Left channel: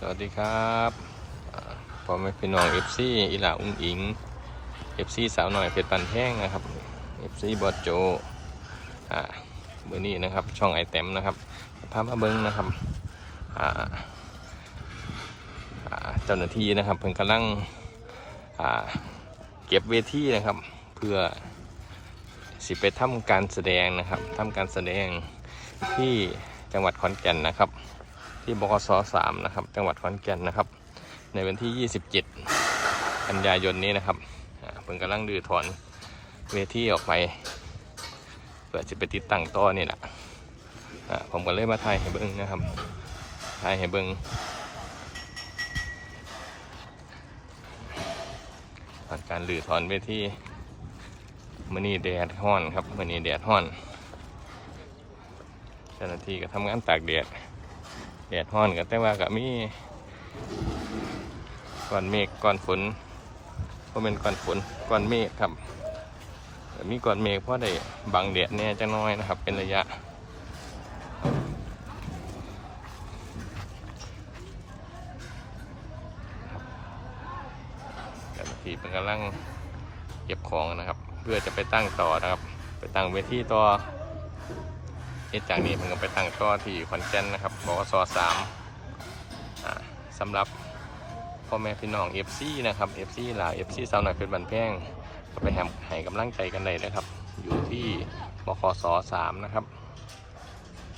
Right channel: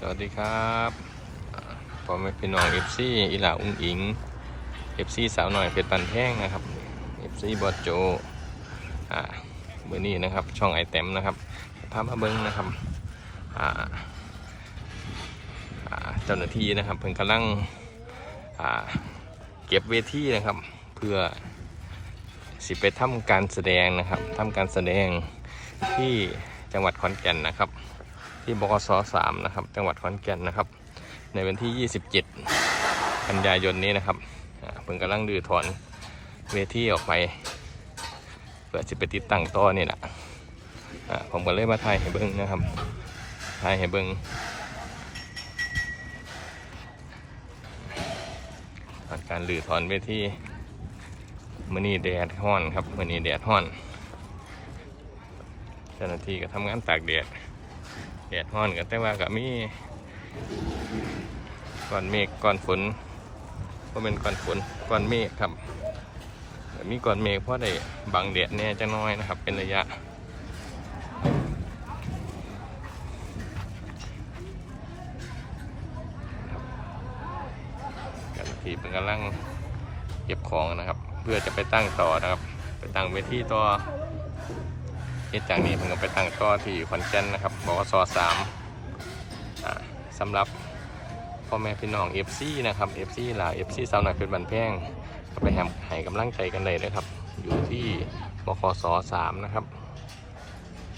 สวัสดีครับพอแม่พี่น้องเอฟซีอีหลาอุ้งอิงเอฟซีสาวหน่อยเพชรปันแท่งนะครับเอฟซีบอสโจอ่าเบอร์นี้นะครับ ช่องไอเต็มนะครับพามาเบิ้งนะครับอ่าอ่าเจ้าหน้าที่นะครับเพิ่งกำลังอ่าเก็บเวทีนะครับ เพื่อสิไปทำการแสดงนะครับทำการแสดงที่จังหวัดขอนแก่นนะครับ ที่บกสสามนะครับ จังหวัดขอนแก่นนะครับ ในวันที่ 27 กันยายนนี้นะครับเพิ่งกำลังดื้อถอนเวทีออกไปเพื่อจะไปติดตั้งต่อนี่แหละผมก็เลยมาถ่ายให้เบิ้งนะครับถ่ายให้เบิ้งตอนการดื้อถอนเวทีมือนี้แดดห้อนครับมือนี้แดดห้อนเจ้าหน้าที่ก็ทำงานตากแดด แดดร้อนกันแต่ว่าก็มีก้อนเมฆก้อนฝนก็เป็นก้อนฝนก้อนเมฆครับมีก้อนเมฆเพราะได้บังแดดเนี่ยจะน้อยนะครับ เป็นระยะเจ้าหน้าที่เป็นกำลังเก็บของนะครับ เพื่อจะไปตั้งต่อนะครับ ไปตั้งเวทีต่อ เหตุจากนี้ผมก็ไปตั้งต่อที่ขอนแก่นนะครับบอกสสามอ่าสำหรับพ่อแม่พี่น้องเอฟซีนะครับเอฟซีหลาเอฟซีสาวหน่อยเป็นบันแพงก็ไปแหมให้กำลังใจกันเลยนะครับ อยู่ที่บกสสามนะครับ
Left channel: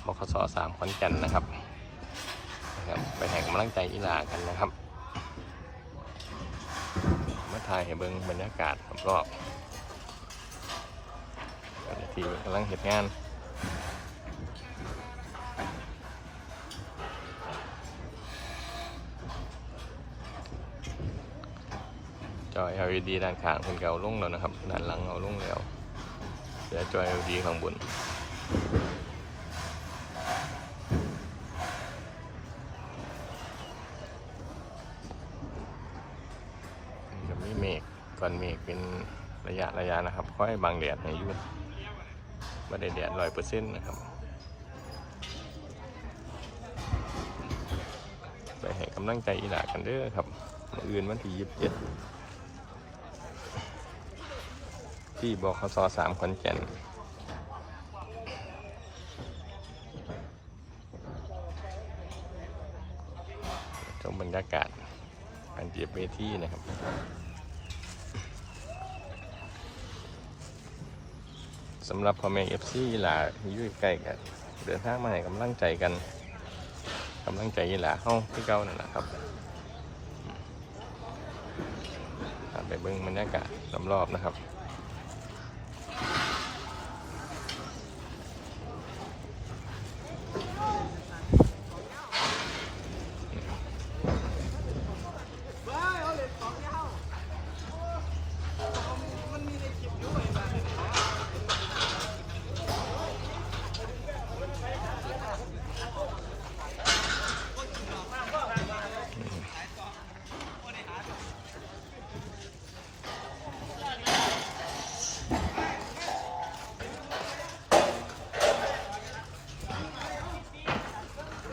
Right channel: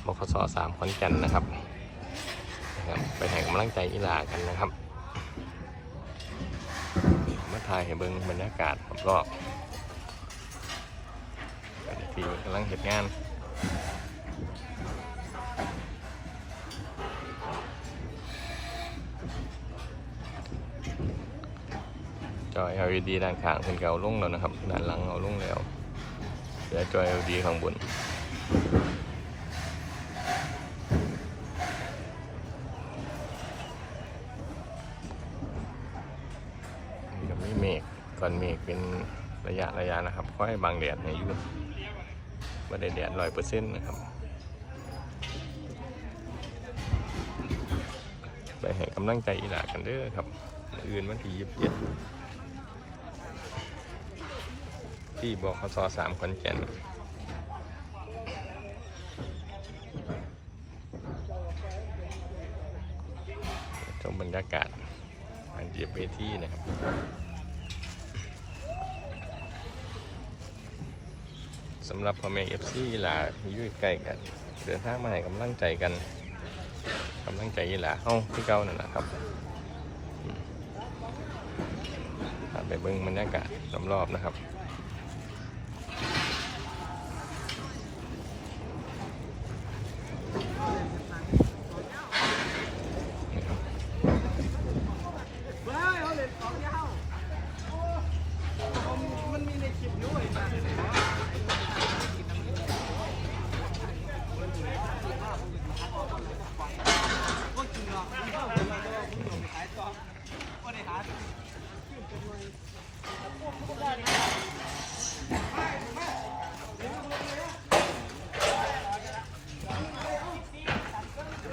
บกสสามขอนแก่นนะครับไปให้กำลังใจอีหลากันนะครับมาถ่ายให้เบิงบรรยากาศรอบๆเจ้าหน้าที่กำลังเหตุงาน จอย LED ด้านข้างเป็นเก่าลุ่งแล้วนะครับ ด้านหลังเอาลุ่งแล้วเหลือจอย LED ข้างบนนี่ก็มีเมฆก่อนเมฆเป็นระยะระยะนะครับ ค่อยบังแดดให้อยู่ไม่ได้แดดร้อยเปอร์เซ็นต์นะครับไปให้กำลังใจอีหลากันเด้อครับมืออื่นวันที่ยี่สิบเจ็ด ที่บคสสามขอนแก่นชมบรรยากาศการเก็บเวทีนะครับสำหรับพ่อแม่เอฟซีหลาที่อยู่ใกล้กัน เดินทางมาให้กำลังใจกันกำลังใจหลาเฮ้าที่เก่านั่นแหละครับไปเบิ้งบรรยากาศรอบๆนะครับ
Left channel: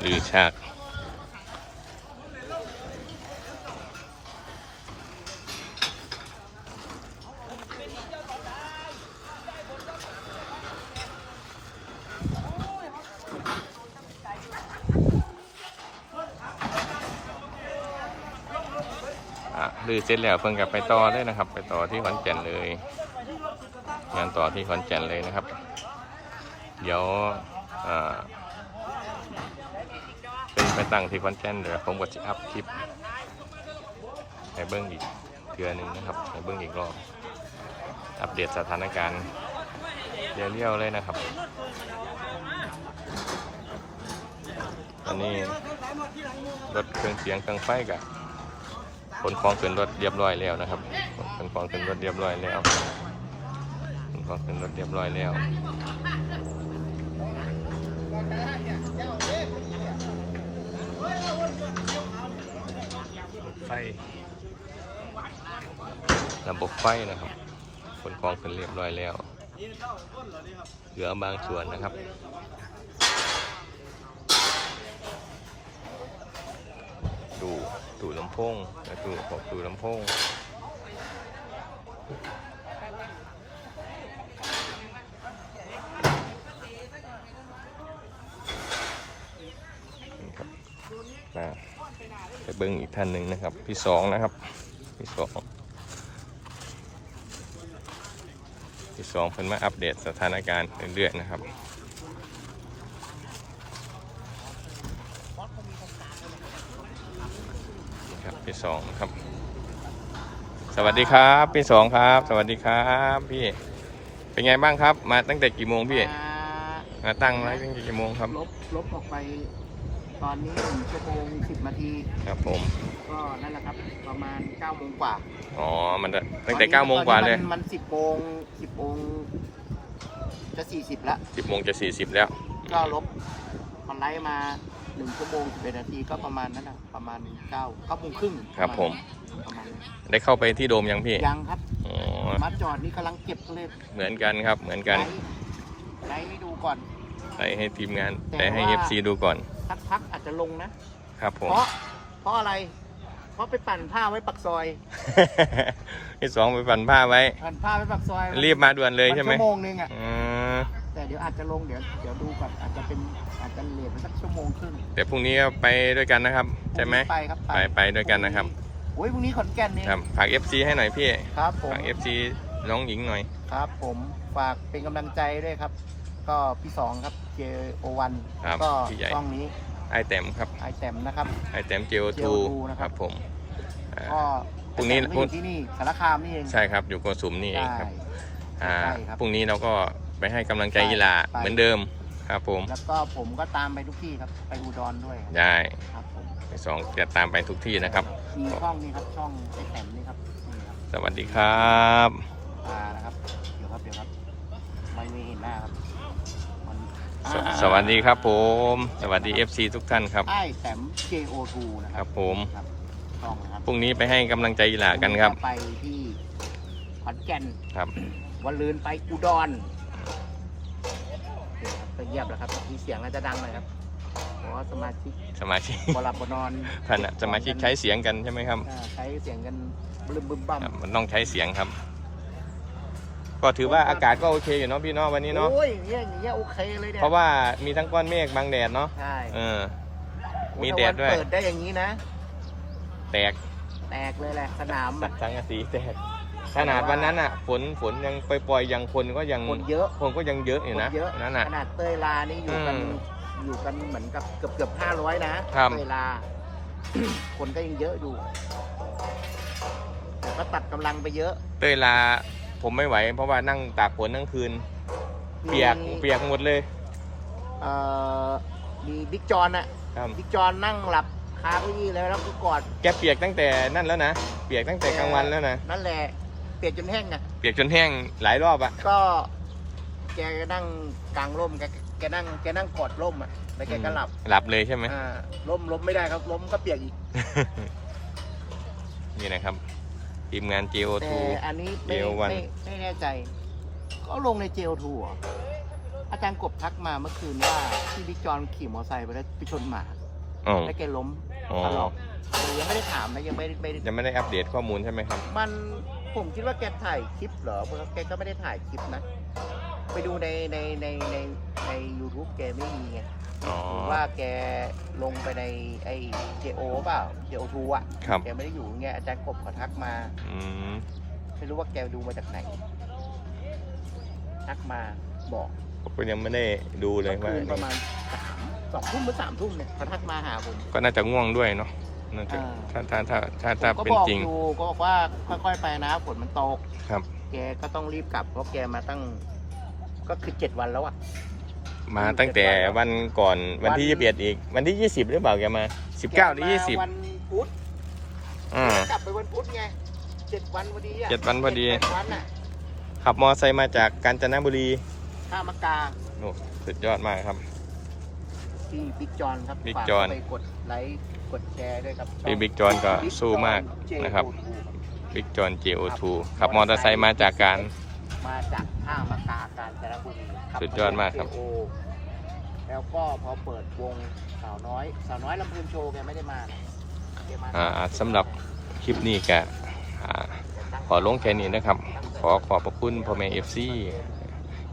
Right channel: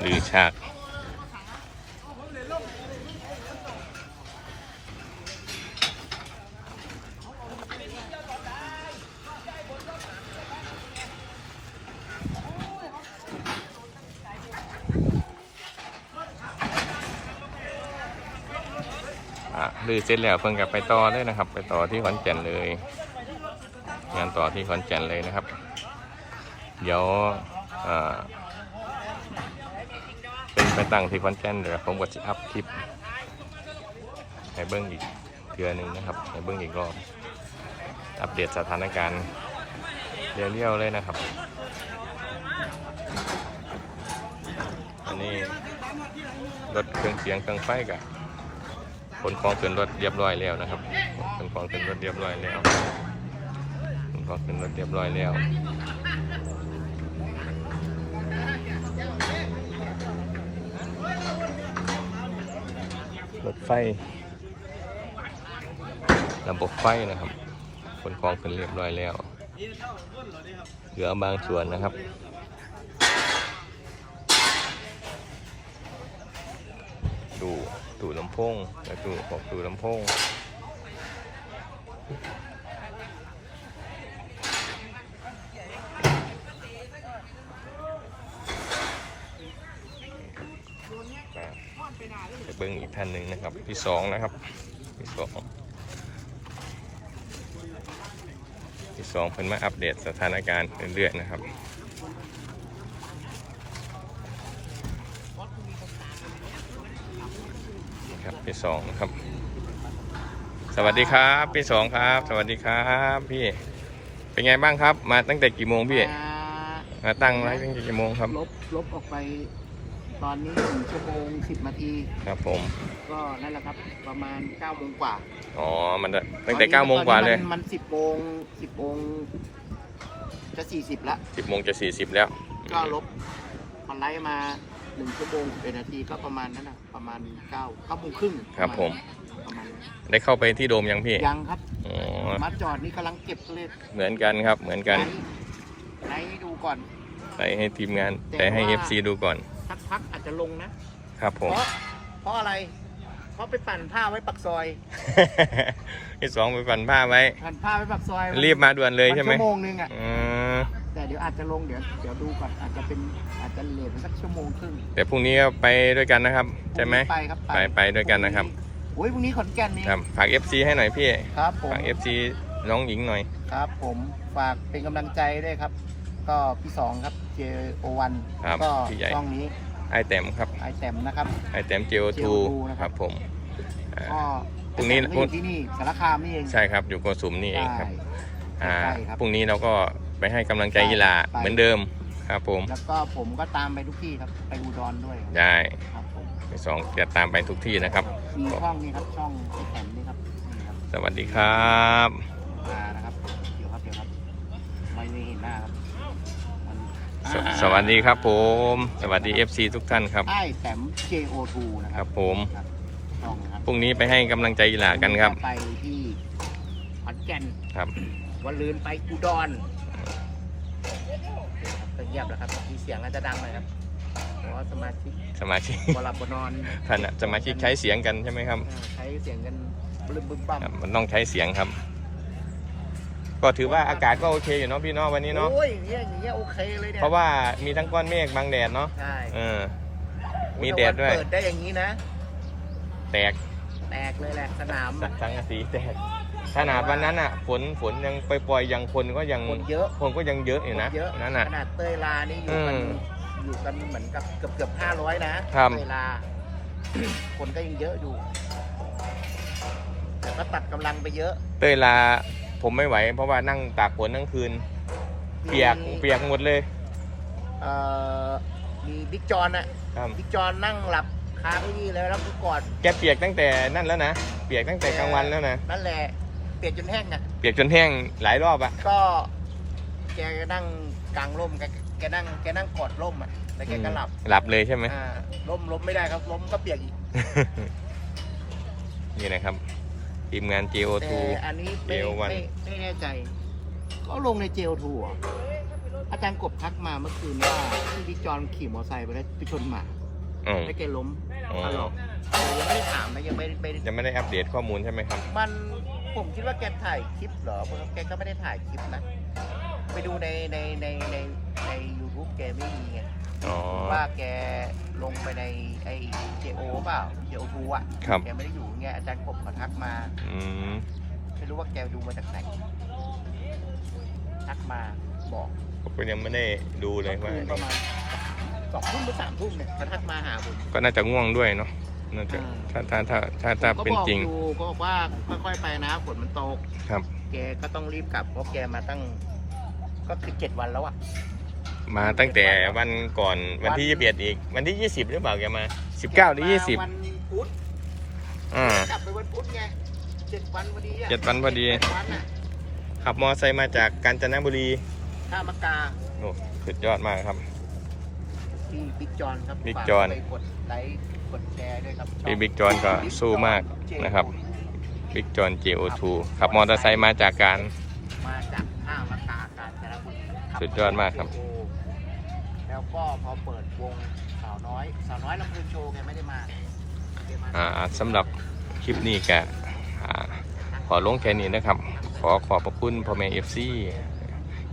หรือฉากลือเสร็จแล้วเพิ่งกลับไปต่อเลยนะครับ ไปต่อที่ขอนแก่นเลย งานต่อที่ขอนแก่นเลยนะครับ เดี๋ยวอ่า ไปตั้งที่คอนแก่นเดี๋ยวผมก็จะอัพคลิปให้เบิ้งอีกเทือหนึ่งนะครับให้เบิ้งอีกรอบอัปเดตสถานการณ์เรียวๆเลยนะครับ ตอนนี้รถเครื่องเสียงเครื่องไฟกับขนของขึ้นรถเรียบร้อยแล้วนะครับขนของขึ้นรถเรียบร้อยแล้วขนของขึ้นรถเรียบร้อยแล้ว รถไฟระบบไฟนะครับขนของขึ้นเรียบร้อยแล้ว เหลือบางส่วนนะครับดูดูลำโพงนะดูบอกดูลำโพงนะไป เบิ้งอีกท่านหนึ่งนะครับ ที่สองนะครับ ที่สองที่สองเพิ่นมาอัปเดตสถานการณ์เรื่อยๆนะครับครับพี่สองนะครับ สวัสดีครับพี่สองครับ สวัสดีครับพี่ เป็นไงบ้างครับ มาตั้งแต่กี่โมงพี่ มามาตั้งไว้ตั้งแต่กี่โมงครับ ลบลบออกไป ตอนนี้หนึ่งชั่วโมงสิบนาที ครับผม ก็นั่นแหละครับประมาณเก้าโมงกว่าอ๋อ มันตั้งแต่เก้าโมงกว่าเลยตอนนี้มันสิบโมงสิบโมงจะสี่สิบละสิบโมงจะสี่สิบแล้ว ก็ลบพอไลฟ์มาหนึ่งชั่วโมงสิบเอ็ดนาทีก็ประมาณนั้นนะประมาณเก้าเก้าโมงครึ่งครับผม ประมาณนั้นได้เข้าไปที่โดมยังพี่ยังครับอ๋อมาจอดนี่กำลังเก็บเลยเหมือนกันครับ เหมือนกันไลฟ์ไลฟ์ให้ดูก่อนไปให้ทีมงานแต่ให้ FC ดูก่อน พักพักๆอาจจะลงนะ ครับผมเพราะ เพราะอะไร เพราะไปปั่นผ้าไว้ปักซอยพี่สองไปปั่นผ้าไว้ ปั่นผ้าไว้ปักซอยรีบมาด่วนเลยใช่ไหมนชั่วโมงนึงอะ อืมแต่เดี๋ยวอาจจะลงเดี๋ยวเดี๋ยวดูก่อนอาจจะเป็นอาจจะเลทไปสักชั่วโมงครึ่งเดี๋ยวพรุ่งนี้ก็ไปด้วยกันนะครับ ใช่ไหม ไปครับไปไปด้วยกันนะครับ โอ้ยพรุ่งนี้ขอนแก่นนี่ครับฝาก FC ให้หน่อยพี่ครับผม ฝาก FC น้องหญิงหน่อย ครับผมฝากเป็นกำลังใจด้วยครับ ก็พี่สองครับ เจโอวันครับก็พี่ใหญ่ ช่องนี้ไอแต้มครับไอแตมนะครับ ไอแต้ม JO2 JO2 คนะครัรับ บผมอ่า ก็พรุ่งนี้แต่ก็อยู่ที่นี่สารคามนี่เองใช่ครับอยู่โกสุมนี่เองครับใช่อ่าใช่ครับ พรุ่งนี้เราก็ไปให้กำลังใจกีฬาไป เหมือนเดิมครับผม แล้วก็ผมก็ตามไปทุกที่ครับ ไปอุดรด้วยครับได้ครับผมพี่สองจะตามไปทุกที่นะครับ มีช่องนี้ครับช่องไอแตมนี่ครับนี่ครับ สวัสดีครับ มานะครับ เดี๋ยวครับ เดี๋ยวครับ ไม่ไม่เห็นหน้าครับมัน สอ่าสวัสดีครับผม สวัสดี FC ทุกท่านครับ ไอ้แต้ม JO2 นะคครัรับผมครับช่องนะครับพรุ่งนี้ไปให้กำลังใจกีฬากันครับ ไปที่ขอนแก่นครับวันลืนไปอุดรไปเยี่ยมแล้วครับมีเสียงแล้วจะดังเลยครับเพราะว่าสมาชิกสมาชิก บหลับบนอนท่านน่ะสมาชิกใช้เสียงกันใช่ไหมครับอ่าใช้เสียงกันบึ้มบึ้มบั้มครับมันต้องใช้เสียงครับ ก็ถือว่าอากาศก็โอเคอยู่เนาะพี่เนาะวันนี้เนาะ โอ้ยอย่างเงี้ยอย่างเงี้ยโอเคเลยเนี่ยเพราะว่ามีทั้งก้อนเมฆบางแดดเนาะใช่เออ มีแดดด้วย เปิดได้อย่างนี้นะ แตกแตกเลยแหละสนามสักสังกะสีแตกขนาดวันนั้นอะ ฝนฝนยังปล่อยๆยังคนก็ยังคนเยอะคนก็ยังเยอะอยู่นะคเยอะวันนั้นขอะนาดเตยลานี่อยู่อืกันมอยู่กันเหมือนกับเกือบเกือบห้าร้อยนะครับเตยลา คนก็ยังเยอะอยู่แต่ก็ตัดกำลังไปเยอะ เต้ยลา ผมไม่ไหว เพราะว่านั่งตากฝนทั้งคืน เปียกมี เปียกหมดเลยเอ่อมีบิ๊กจอนอะครับบิ๊กจอนนั่งหลับคาเก้าอี้แล้วแล้วก็กอดแกเปียกตั้งแต่นั่นแล้วนะเปียกตั้งแต่กลางวันแล้วนะนั่นแหละเปียกจนแห้งอะเปียกจนแห้งหลายรอบอะก็แกนั่งกลางร่มแกแกนั่งแกนั่งกอดร่มอะแล้วแกก็หลับหลับเลยใช่ไหม อ่าล้มล้มไม่ได้ครับล้มก็เปียกอีก นี่นะครับ ทีมงาน GO2 แต่อันนี้ไม่ JO1 ไม่ไม่แน่ใจเขาลงในเจลทูอะอาจารย์กบทักมาเมื่อคืนว่าที่บิ๊กจอนขี่มอเตอร์ไซค์ไปแล้วไปชนหมาอ๋อ แล้วแกล้มอ๋อถลอกแต่ยังไม่ได้ถามนะยังไม่ไม่ได้ยังไม่ได้อัปเดตข้อมูลใช่ไหมครับ มันผมคิดว่าแกถ่ายคลิปเหรอเพราะว่าแกก็ไม่ได้ถ่ายคลิปนะ ไปดูในในในในในยูทูบแกไม่มีไง อ๋อ ว่าแกลงไปในไอเจโอเปล่าเจโอทูอะครับ แกไม่ได้อยู่ไงอาจารย์กบเขาทักมา อืมไม่รู้ว่าแกดูมาจากไหนทักมาบอกผมก็ยังไม่ได้ดูเลยว่า คืนประมาณสองทุ่มหรือสามทุ่มเนี่ยจะทักมาหาผม ก็น่าจะง่วงด้วยเนาะน่าจะอ่าถ้าถ้าถ้าถ้าถ้าก็เป็นบอกจริง อยู่ก็บอกว่าค่อยๆไปนะฝนมันตกครับ แกก็ต้องรีบกลับเพราะแกมาตั้ง ก็คือเจ็ดวันแล้วอะ มาตั้งแต่วันก่อนวันที่ยี่สิบเอ็ดอีก วันที่ยี่สิบหรือเปล่าแกมาสิบเก้าหรือยี่สิบวันพุธอ่ากลับไปวันพุธไงเจ็ดวันพอดีอะเจ็ดวันพอดีเจ็วันอะขับมอไซค์มาจากกาญจนบุรีข้ามากาโอ้สุดยอดมากครับที่บิ๊กจอนครับบิ๊กฝาจอนไปกดไลค์กดแชร์ด้วยครับพี่บิ๊กจอนก็สู้มากนะครับบิ๊กจอน JO2 ขับมอเตอร์ไซค์มาจากการมาจากท่ามะขามกาญจนบุรีสุดยอดมากครับโอ้แล้ว ก็พอเปิดวงสาวน้อยสาวน้อยลำพูนโชว์แกไม่ได้มาอ่าสำหรับคลิปนี้แกอ่าขอลงแค่นี้นะครับ ขอขอบพระคุณพ่อแม่เอฟซี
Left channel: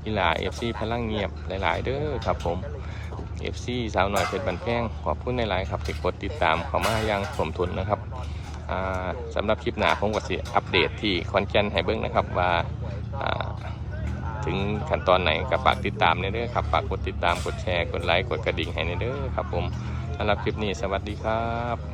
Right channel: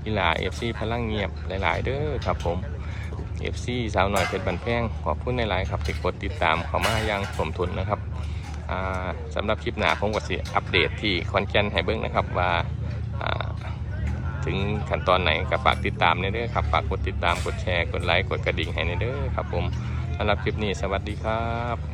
อีหลาเอฟซีพลังเงียบหลาย ๆ เด้อครับผมเอฟซีสาวหน่อยเพชรบันแพงขอบคุณหลายครับที่กดติดตามเข้ามาอย่างสมทุนนะครับอ่าสำหรับคลิปหน้าผมก็สิอัปเดตที่คอนแกนให้เบิ้งนะครับว่า ถึงขั้นตอนไหนก็ฝากติดตามเนเด้อครับฝากกดติดตามกดแชร์กดไลค์กดกระดิ่งให้เนเด้อครับผมสำหรับคลิปนี้สวัสดีครับ